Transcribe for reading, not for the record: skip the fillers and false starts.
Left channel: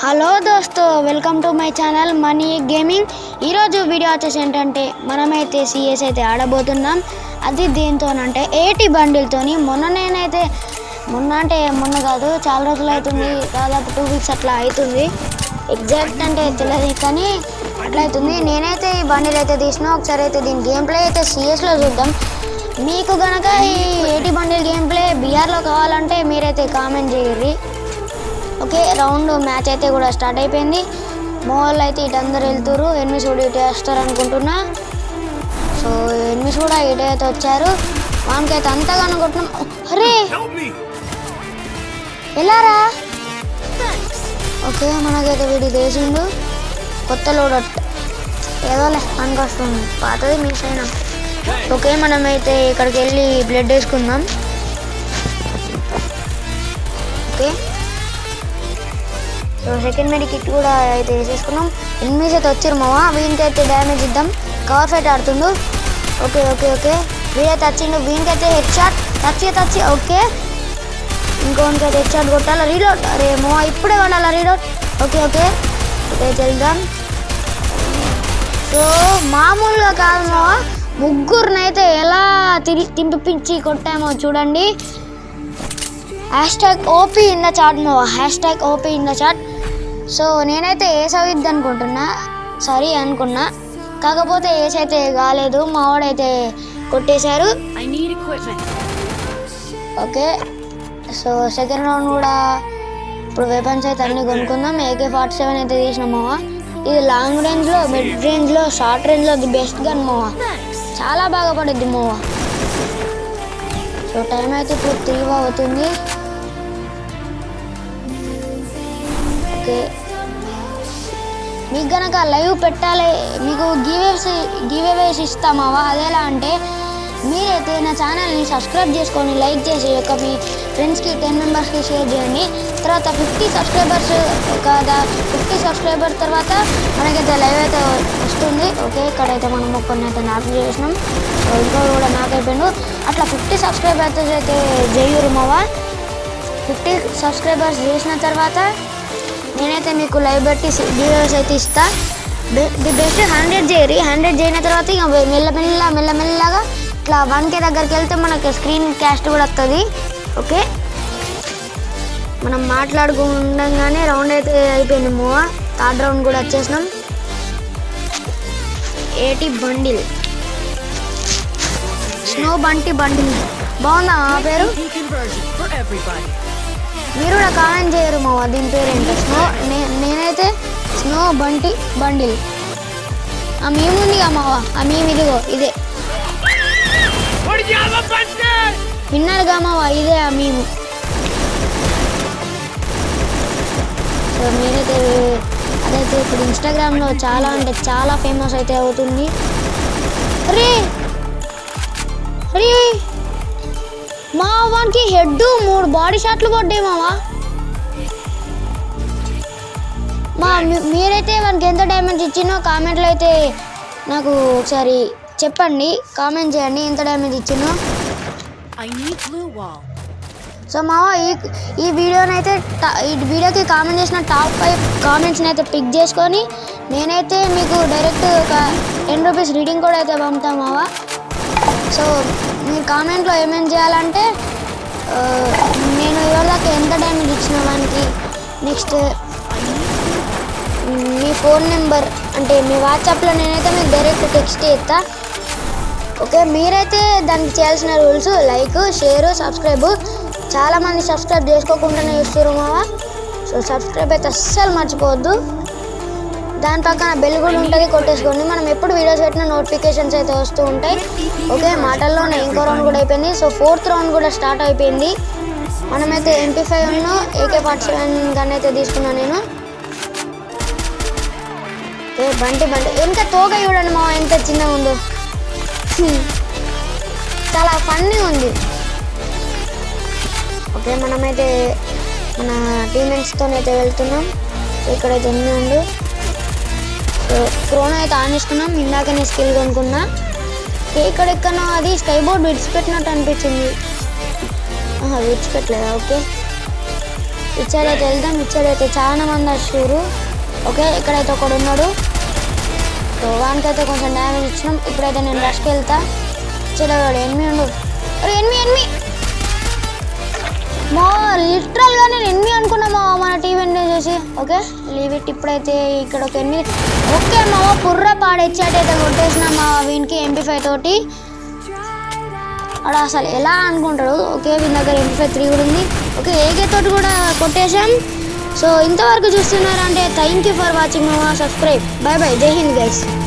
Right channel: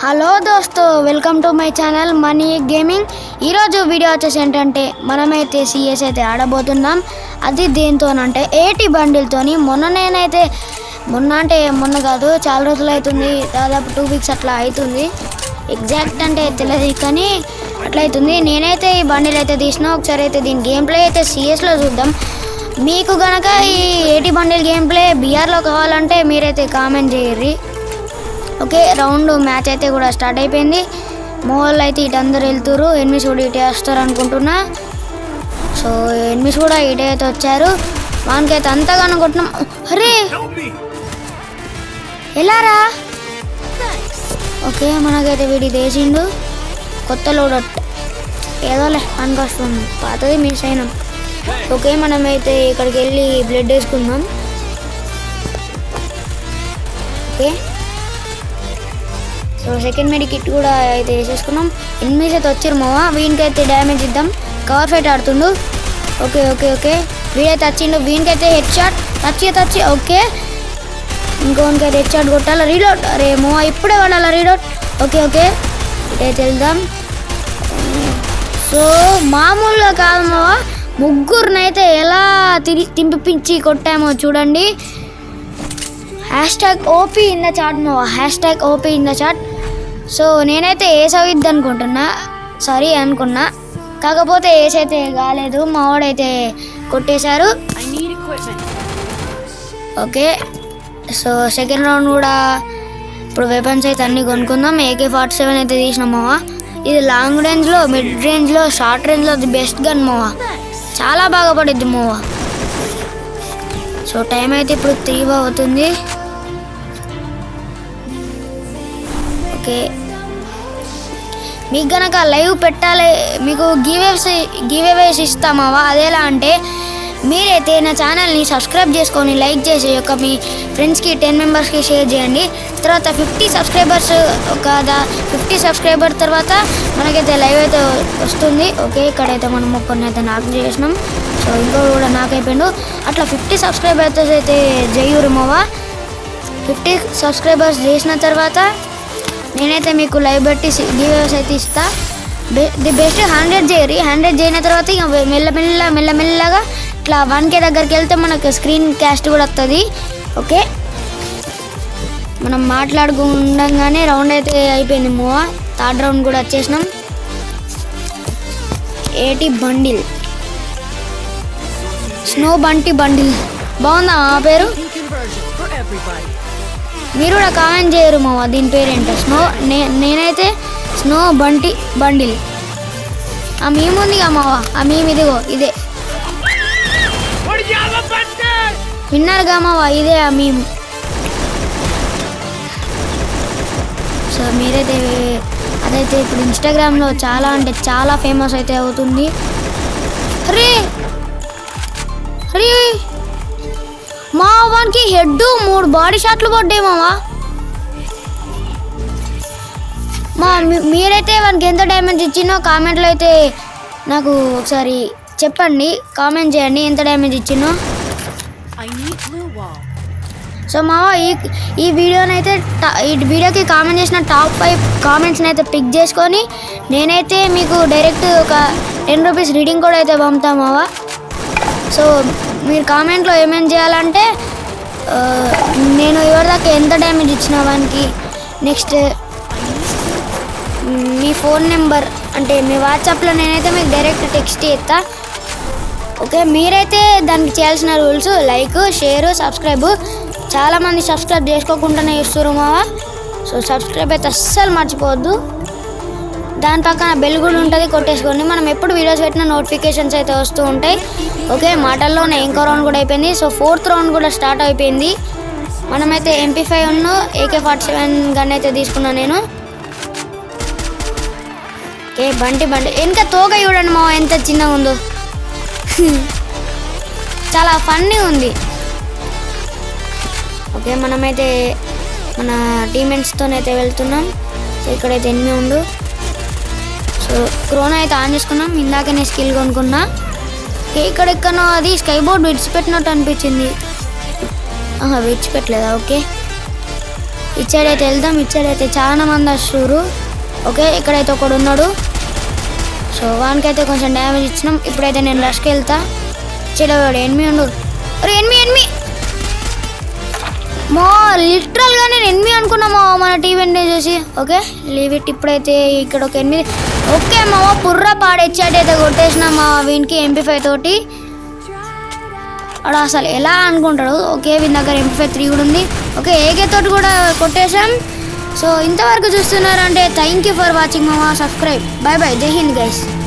Hello దోస్తో, welcome to my channel money gaming. ఈరోజు వీడియో వచ్చేసి ఏంటంటే మనమైతే సిఎస్ అయితే ఆడబోతున్నాం. అది దేంతోనంటే 80 బండిల్తోని. మొన్న కాదు, చాలా రోజులు అవుతుంది, దాదాపు 2 వీక్స్ అట్లా అవుతుంది. ఎగ్జాక్ట్ అంటే తెలియదు కానీ అట్లా అవుతుంది. నేనైతే ఈ బండిల్ అయితే తీసిన. ఒకసారి అయితే దీని గేమ్ ప్లే అయితే సిఎస్లో చూద్దాం. మీకు కనుక ఈ 80 బండిల్ గేమ్ ప్లే బిఆర్లో కావాలంటే మీరైతే కామెంట్ చేయర్రి. ఓకే, రౌండ్ మ్యాచ్ అయితే కూడా స్టార్ట్ అయిపోయింది. మోల్ అయితే ఇటు అందరు వెళ్తారు, ఎనిమిస్ కూడా ఇటు వేస్తారు అనుకుంటున్నా. సో ఎనిమిస్ కూడా ఇటు అయితే వచ్చారు. వానికైతే అంతగానో కొట్టినాం. అరే ఎలారా? ఓకే, మనకైతే వీడి వేసిండు కొత్త లోడ్. ఏదోలే అని వస్తుంది, పాతది మిస్ అయినా. ఓకే, మనమైతే ఇక్కడికి వెళ్ళి బ్లడ్ వేసుకుందాం. Okay, so second medkit కూడా అయితే వేసేసుకున్నాం. ఎనిమిస్ అయితే వచ్చారు మావా. వీనికైతే డ్యామేజ్ ఇద్దాం. కవర్ ఫైట్ ఆడుతుండు. ఓకే ఓకే ఓకే, వీడైతే వచ్చిండు. వీనికైతే హెడ్ షాట్ టచ్. ఓకే, ఇంకోనికైతే హెడ్ షాట్ కొట్టాలి. రీలోడ్. అరే మావా, ఇప్పుడే వాడాలా రీలోడ్. ఓకే ఓకే, అయితే వెళ్దాం. సో మామూలుగా కాదు మావా, ముగ్గురినైతే ఎలా తింపించి కొట్టామో చూడండి. #OP ఇన్ ద చాట్ మావా, #OP in the chat. So నేనైతే ఏస్ అవుద్ది అనుకున్నా, కాకపోతే ఏస్ అయితే కాలేదు. మా వాడైతే కొట్టేశారు. ఓకే, సో సెకండ్ రౌండ్ కూడా ఇప్పుడు వెపన్స్ అయితే అన్నీ కొనుక్కుందాం. AK-47 అయితే తీసినాం మావా. ఇది లాంగ్ రేంజ్లో, మిడ్ రేంజ్లో, షార్ట్ రేంజ్లో అది బెస్ట్ గన్ మావా. చాలా బాగా పడుద్ది మావా. సో టైం అయితే ఇప్పుడు 3 అవుతుంది. మీకు కనుక లైవ్ పెట్టాలి, మీకు గివేవేస్ ఇస్తామావా. అదేలా అంటే మీరైతే నా ఛానల్ని సబ్స్క్రైబ్ చేసుకొని లైక్ చేసి మీ ఫ్రెండ్స్కి 10 మెంబర్స్కి షేర్ చేయండి. తర్వాత 50 సబ్స్క్రైబర్స్, ఒక 50 సబ్స్క్రైబర్ తర్వాత మనకైతే లైవ్ అయితే వస్తుంది. ఓకే, ఇక్కడైతే మనం కొన్ని అయితే నాకు చేసినాం, ఇంకో కూడా నాకు అయిపోయాడు. అట్లా 50 సబ్స్క్రైబర్స్ అయితే చెయ్యరు మావా. 50 సబ్స్క్రైబర్స్ చేసిన తర్వాత నేనైతే మీకు లైవ్ బట్టి గివేవేస్ అయితే ఇస్తా. The best 100 చేయరి. 100 చేయన తర్వాత ఇక మెల్లమెల్లగా ఇట్లా 1K దగ్గరికి వెళ్తే మనకు స్క్రీన్ క్యాస్ట్ కూడా వస్తుంది. ఓకే, మనం మాట్లాడుకుండగానే రౌండ్ అయితే అయిపోయింది మోవా. థర్డ్ రౌండ్ కూడా వచ్చేసినాం. 80 బండిల్ స్నో బండిల్ బాగుందా ఆ పేరు? మీరు కూడా కామెంట్ చేయరు మావా దీని పేరేంటి. నేనైతే స్నో బండిల్. ఆ మేము ఉందిగా మావా, ఆ మేము ఇదిగో ఇదే విన్నారుగా మావా, ఇదే ఆ మేము. సో మీరైతే అదైతే ఇప్పుడు ఇన్స్టాగ్రామ్లో చాలా అంటే చాలా ఫేమస్ అయితే అవుతుంది. రే మా వానికి హెడ్ 3 బాడీ షాట్లు కొట్టే మావా. మీరైతే వానికి ఎంత డ్యామేజ్ ఇచ్చినో కామెంట్లో అయితే నాకు ఒకసారి చెప్పండి, కామెంట్ చేయండి ఎంత డ్యామేజ్ ఇచ్చినో. సో మావా ఈ వీడియోకి కామెంట్ చేసిన టాప్ 5 కామెంట్స్ని అయితే పిక్ చేసుకొని నేనైతే మీకు డైరెక్ట్ ఒక 10 రూపీస్ రీడింగ్ కోడ్ అయితే పంపుతాను మావా. సో మీరు కామెంట్లో ఏమేమి చేయాలంటే నేను ఎవరిదాకా ఎంత డ్యామేజ్ ఇచ్చిన వానికి, నెక్స్ట్ మీ ఫోన్ నెంబర్ అంటే మీ వాట్సాప్లో నేనైతే మీకు డైరెక్ట్ టెక్స్ట్ చేస్తా. ఓకే, మీరైతే దానికి చేయాల్సిన రూల్స్ లైక్, షేర్, సబ్స్క్రైబ్. చాలామంది సబ్స్క్రైబ్ చేసుకోకుండానే ఇస్తారు మావా. సో సబ్స్క్రైబ్ అయితే అస్సలు మర్చిపోవద్దు. దాని పక్కన బెల్ కూడా ఉంటుంది, కొట్టేసుకోండి. మనం ఎప్పుడు వీడియోస్ పెట్టిన నోటిఫికేషన్స్ అయితే వస్తూ ఉంటాయి. ఓకే, మాటల్లోనే ఇంకో రౌండ్ కూడా అయిపోయింది. సో 4th రౌండ్ కూడా స్టార్ట్ అయిపోయింది. మనమైతే MP5 AK-47 గన్ అయితే తీసుకున్నా నేను. ఓకే, బండి ఎంత తోక చూడండి మా ఎంత చిన్నగా ఉందో. చాలా ఫన్నీ ఉంది. ఓకే, మనమైతే మన టీమ్మేట్స్తోనైతే వెళ్తున్నాం. సో ఇక్కడైతే ఎన్ని ఉండు. సో క్రోనా అయితే ఆన్ చేసుకున్నాం. ఇందాక నేను స్కిల్ కొనుక్కున్నా. ఇక్కడెక్కడో అది స్కై బోర్డ్ విడిచిపెట్టినట్టు అనిపించింది. విడిచిపెట్టలేదా? ఓకే, ఇచ్చాడైతే వెళ్దాం. ఇచ్చాడైతే చాలా మంది వస్తున్నారు. ఓకే, ఇక్కడైతే ఒకడు ఉన్నాడు. సో వానికైతే కొంచెం డ్యామేజ్ ఇచ్చినాం. ఇప్పుడైతే నేను రష్కి వెళ్తా. చెడవాడు ఎనిమి ఉండు. ఎనిమి మా లిటరల్గా నేను ఎనిమి అనుకున్నామా మన టీవీ చూసి. Okay leave it. ఇప్పుడైతే ఇక్కడ ఒక ఎనిమిది. ఓకే మా బుర్ర పాడెచ్చాటైతే కొట్టేసినామా వీనికి MP5 తోటి. అక్కడ అసలు ఎలా అనుకుంటాడు. ఓకే వీని దగ్గర MP5 3 కూడా ఉంది. ఓకే AK తోటి కూడా కొట్టేసాం. సో ఇంతవరకు చూస్తున్నారంటే thank you for watching. Subscribe. Bye bye. Jai Hind guys.